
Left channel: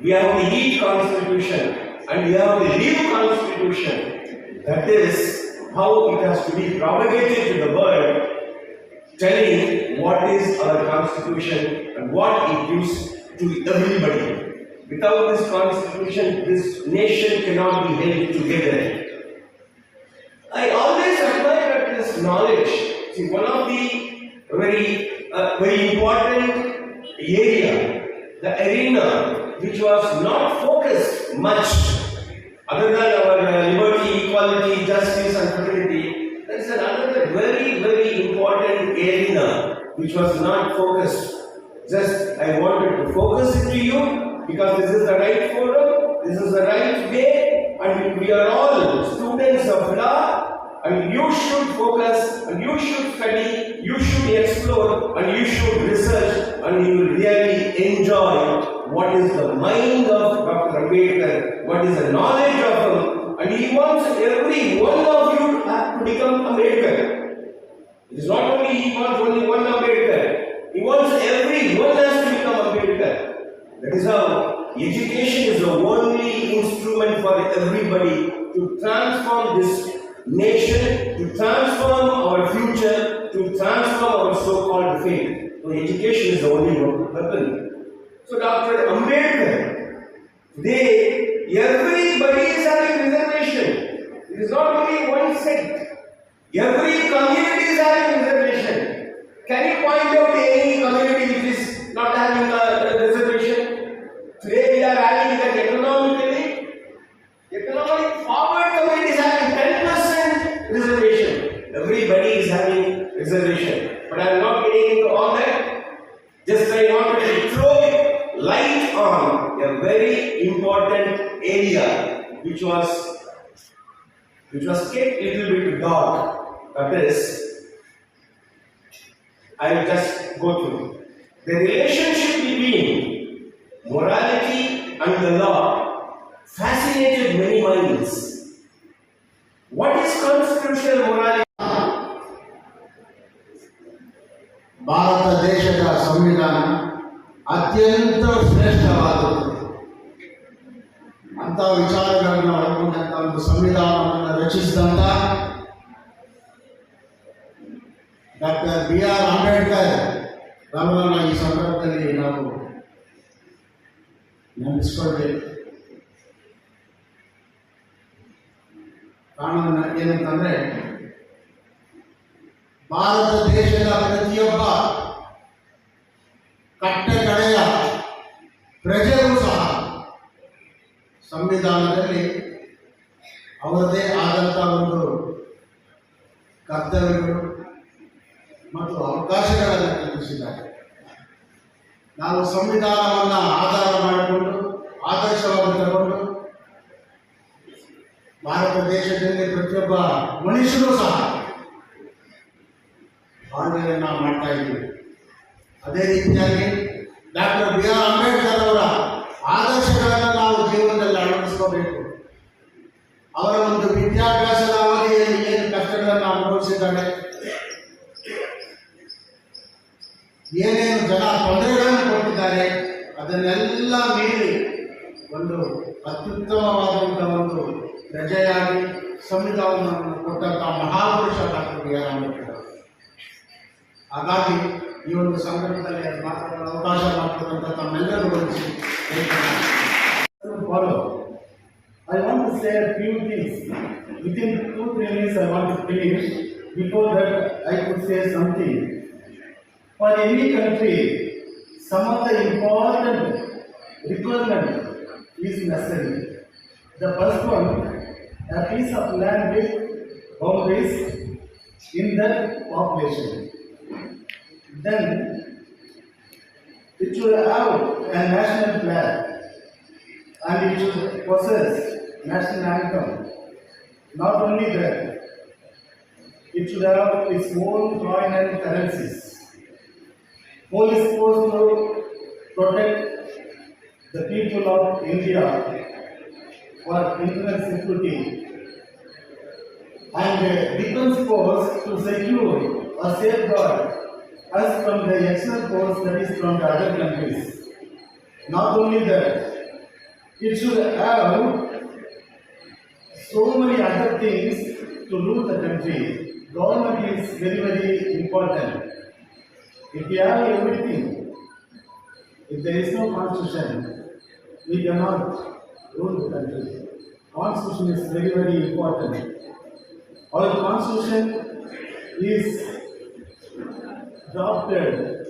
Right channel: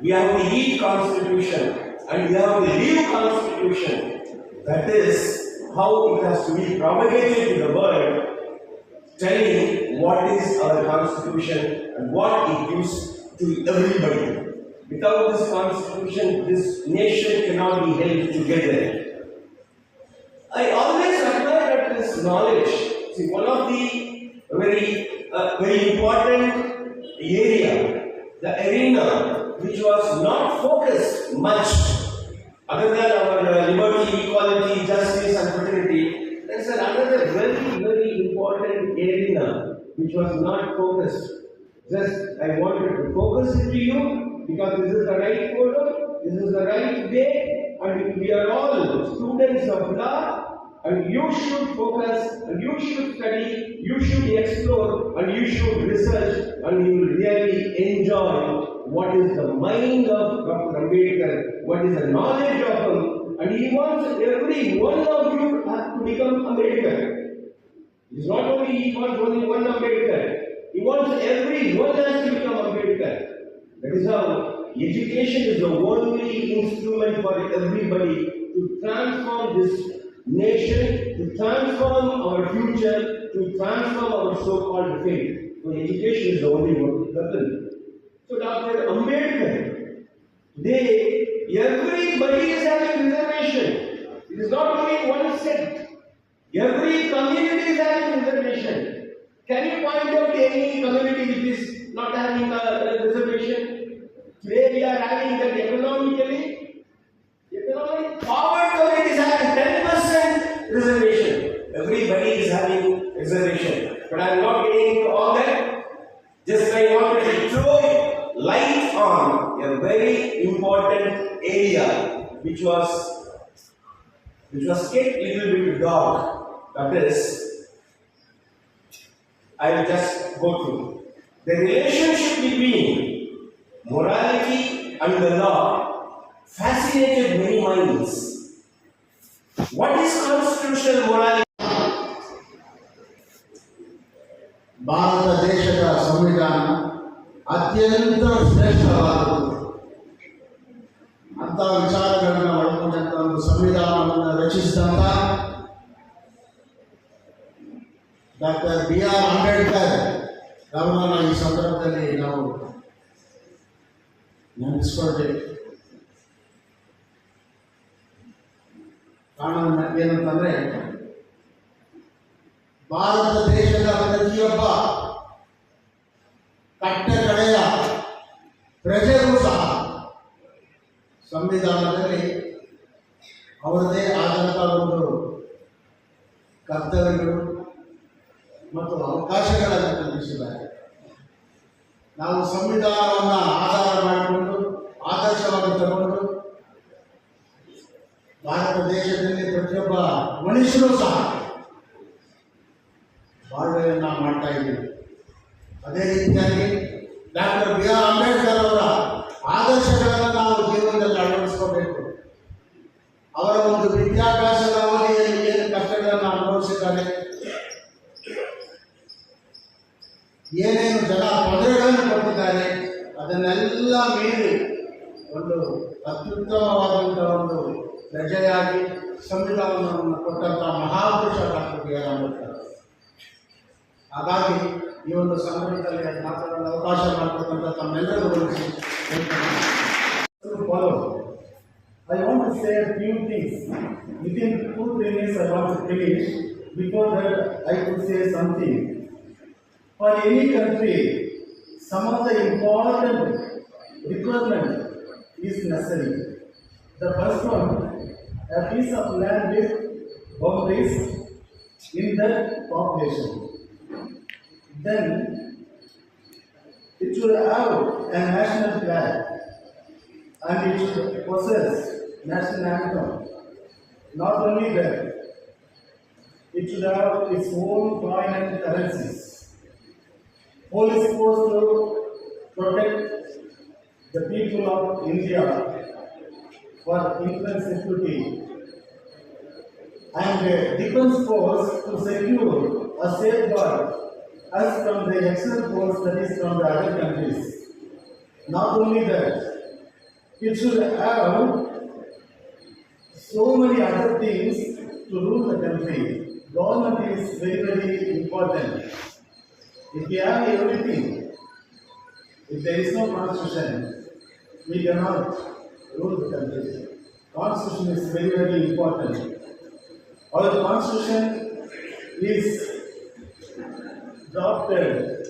We have to eat Constitution. And we have to live Constitution. That is how it has to be propagated to the world, telling what is our Constitution and what it gives to everybody. Without this Constitution, this nation cannot be held together. I always admire this knowledge. See, one of the very important area, the arena, which was not focused much, other than our liberty, equality, justice, and fraternity. There is another very important arena which was not focused. Just I wanted to focus it to you because this is the right forum, this is the right way, and we are all students of law. And you should focus, and you should study, you should explore, and you should research, and you will really enjoy what is the mind of Dr. Ambedkar, what is the knowledge of him, and he wants every one of you to become Ambedkar. It is not only he wants only one Ambedkar, he wants everyone has to become Ambedkar. That is how education is the only instrument for everybody to transform this nation, to transform our future, to transform our so-called faith. So education is the only weapon. So Dr. Ambedkar, today everybody is having reservation. It is not only one sect. Every community is having reservation. Can you point out any community which is not having a reservation? Today we are having that economically. Economic forward community is having 10% reservation. Everybody is having reservation. But I am not getting into all that. Just I wanted to throw light on a very important area which was kept a little bit dark. That is, I will just go through. The relationship between morality and the law fascinated many minds. What is constitutional morality? Bharat ದೇಶದ ಸಂವಿಧಾನ ಅತ್ಯಂತ ಶ್ರೇಷ್ಠವಾದದ್ದು. ಅಂತ ವಿಚಾರಗಳನ್ನು ಒಳಗೊಂಡಂತ ಒಂದು ಸಂವಿಧಾನವನ್ನು ರಚಿಸಿದಂತ doctor B.R. Ambedkar ಅವರನ್ನು ಈ ಸಂದರ್ಭದಲ್ಲಿ ನಾವು ನೆನಪಿಸ್ಕೊಳ್ಬೇಕು. ಕಾರಣ ಏನಂತಂದ್ರೆ, ಭಾರತ ದೇಶದ ಪ್ರತಿಯೊಬ್ಬ ಕಟ್ಟ ಕಡೆಯ ಪ್ರಜೆಗಳು ಸಹ ಸಂವಿಧಾನದಲ್ಲಿ ಅವರದೇ ಆದಂಥ ಒಂದು ಕರ್ತವ್ಯಗಳು ಮತ್ತು ಅವಕಾಶಗಳನ್ನು ಕಲ್ಪಿಸಿದ್ದಾರೆ. ನಾವು ಸಂವಿಧಾನವನ್ನು ಆಧಾರ ಮಾಡಿಕೊಂಡು ಆದರ್ಶವಾಗಿ ತಗೊಂಡು ಭಾರತ ದೇಶದಲ್ಲಿ ಪ್ರತಿಯೊಬ್ಬ ಮನುಷ್ಯರು ಸಹ ಬಾಳ್ವೆಯನ್ನು ಮಾಡ್ತಾ ಇದ್ದೀವಿ. ಅದೇ ರೀತಿಯಾಗಿ ಡಾಕ್ಟರ್ B.R. ಅಂಬೇಡ್ಕರ್ ಅವರ ಆದರ್ಶಗಳನ್ನು ನಾವು ಜೀವನದಲ್ಲಿ ಅಳವಡಿಸ್ಕೋಬೇಕು. ಅವರ ಒಂದು ವಿದ್ಯಾಭ್ಯಾಸದ ಅವಧಿಯಲ್ಲಿ ಏನು ಕಷ್ಟಗಳನ್ನು ಅನುಭವಿಸಿದ್ದಾರೆ, ಏನೇನು ಜನ ತೊಂದರೆಗಳನ್ನು ಕೊಟ್ಟಿದ್ದಾರೆ, ಅದನ್ನೆಲ್ಲ ಮೀರಿ ಒಂದು ಅತ್ಯುತ್ತಮವಾದಂಥ ಒಂದು ಪ್ರಜೆಯಾಗಿ ಸಂವಿಧಾನವನ್ನು ಕೊಟ್ಟಂಥ ಮಹಾಪುರುಷ ಡಾಕ್ಟರ್ B.R. ಅಂಬೇಡ್ಕರ್. ಹಾಗಾಗಿ ಈ ಒಂದು ಸಂದರ್ಭದಲ್ಲಿ ಮಾತಾಡಲು ಅವಕಾಶ ಮಾಡಿಕೊಟ್ಟಂಥ ತಮ್ಮೆಲ್ಲರಿಗೂ ಗಮನಿಸಿ. I want to say a few things. Within 2-3 minutes I want to finish. before that I could say something. For any country, some of the important requirement is necessary. The first one, a piece of land with boundaries in the population. Then it should have a national flag and it should possess national anthem. Not only that, it should have its own coin and currencies. Who is supposed to protect the people of India for internal security and defense force to secure or safeguard us from the external force that is from the other countries. Not only that, it should have so many other things to rule the country. Government is very, very important. If we have everything, if there is no constitution, we cannot rule the country. Constitution is very, very important. Our constitution is drafted.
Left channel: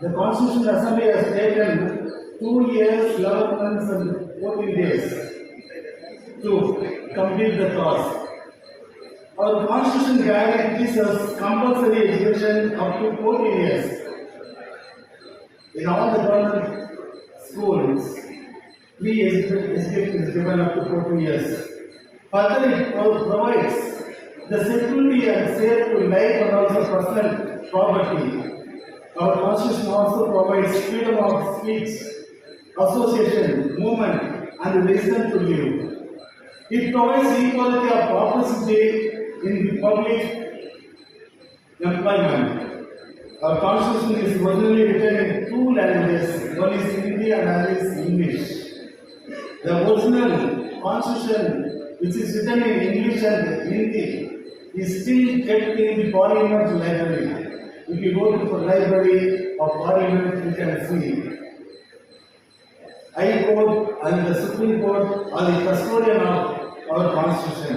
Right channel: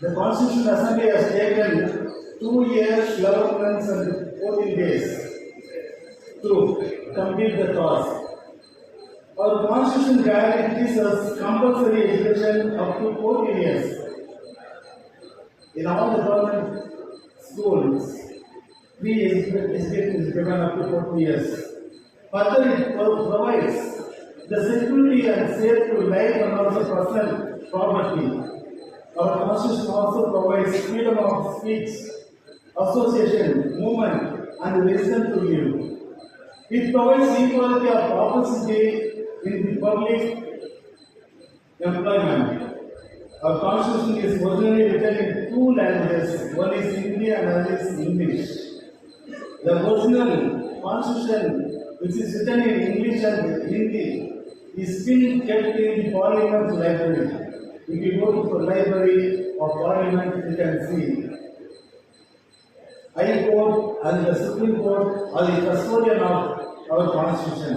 The Constitution Assembly has taken 2 years, 11 months and 14 days to complete the task. Our Constitution guarantees us compulsory education up to 14 years. In all the government schools, free education is given up to 14 years. Further, it provides the security and safe to life and also personal property. Our Constitution also provides freedom of speech, association, movement, and reason to live. It provides equality of opportunity in the public employment. Our Constitution is originally written in 2 languages, one is Hindi and another is English. The original Constitution, which is written in English and Hindi, is still kept in the Parliament library. If you go to the library of Parliament, you can see High Court and the Supreme Court are the custodian of our Constitution.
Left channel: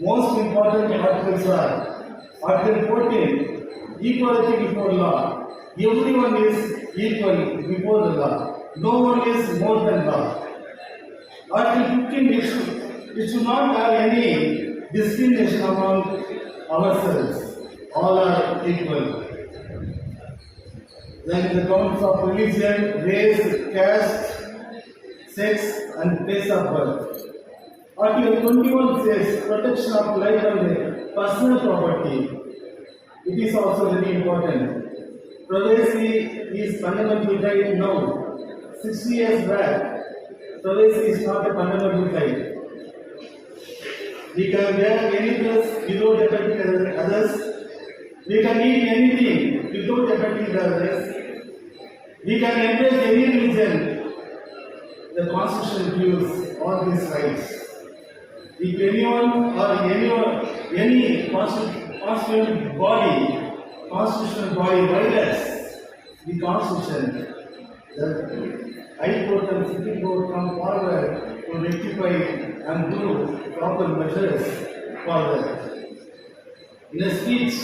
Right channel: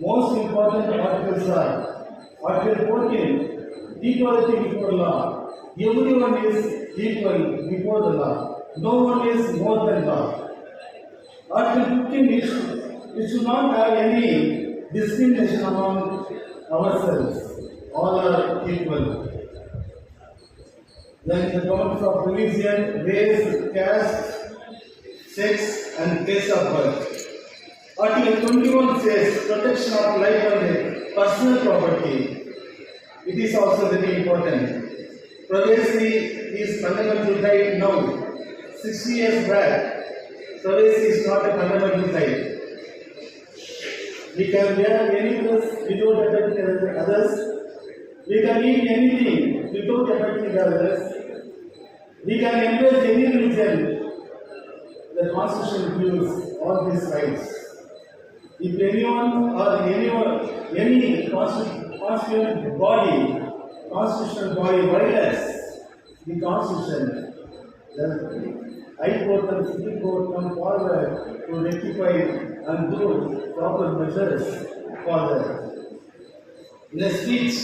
Most important articles are Article 14, equality before law. Everyone is equal before the law. No one is more than law. Article 15, it should not have any discrimination among ourselves. All are equal. Then the grounds of religion, race, caste, sex, and place of birth. Article 21 says protection of life and personal property. It is also very important. Privacy is fundamental right now. 60 years back, privacy is not a fundamental right. We can wear any dress without affecting others. We can eat anything without affecting others. We can embrace any religion. The Constitution gives all these rights. If anyone or any constitutional body violates the Constitution, the High Court and Supreme Court come forward to rectify and do proper measures for that. In a speech,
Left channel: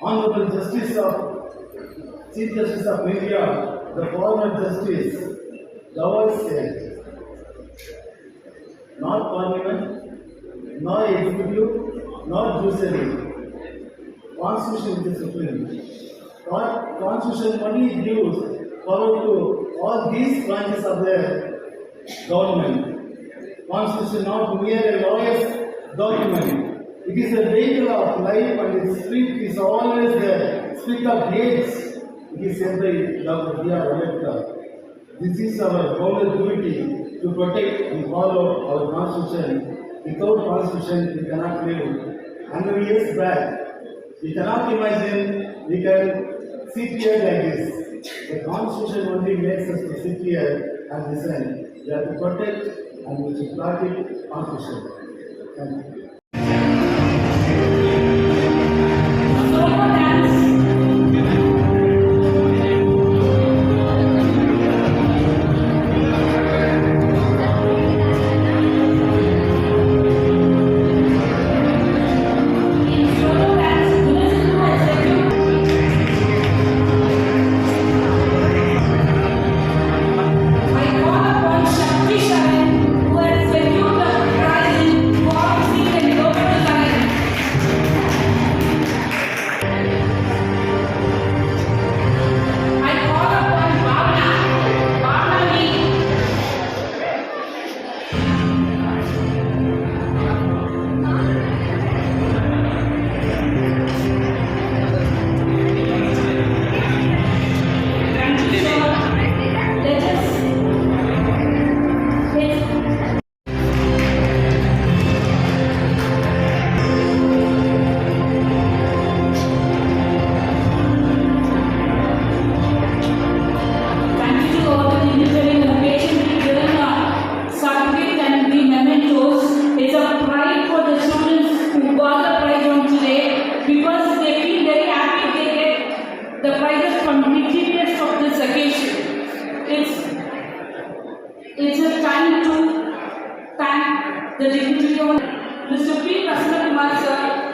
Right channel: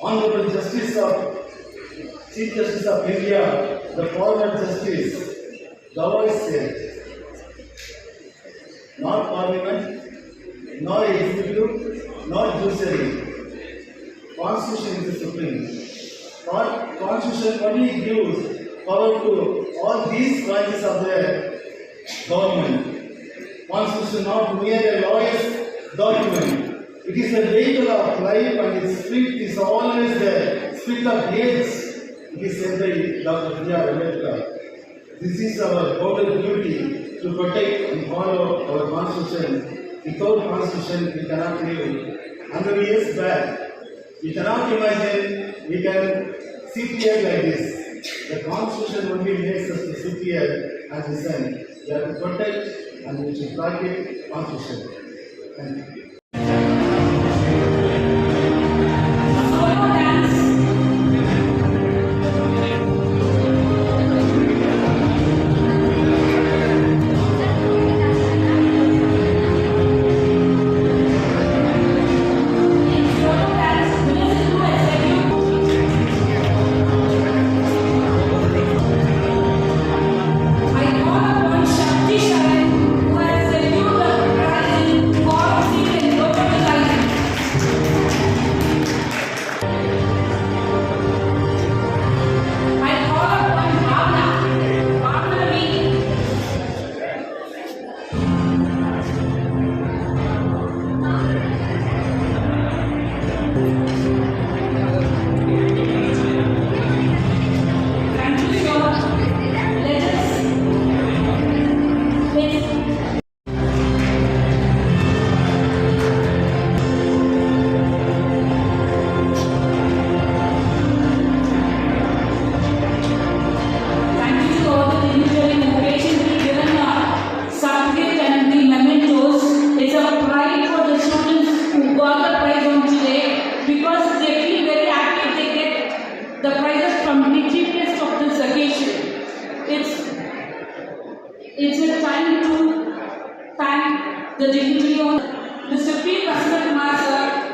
Honorable Chief Justice of India, the former Justice Gawai said, not Parliament, nor executive, nor judiciary. Constitution is the supreme. Constitution only gives power to all these branches of the government. Constitution not mere a lawyer's document. It is a vehicle of life and its spirit is always the spirit of age. It is said by Dr. Thimmaiah. This is our golden duty to protect and follow our Constitution. Without Constitution, we cannot live. 100 years back, we cannot imagine we can sit here like this. The Constitution only makes us to sit here and listen. We have to protect and we should practice Constitution. Thank you. the dignitary owner, Mr. P. Kumar sir,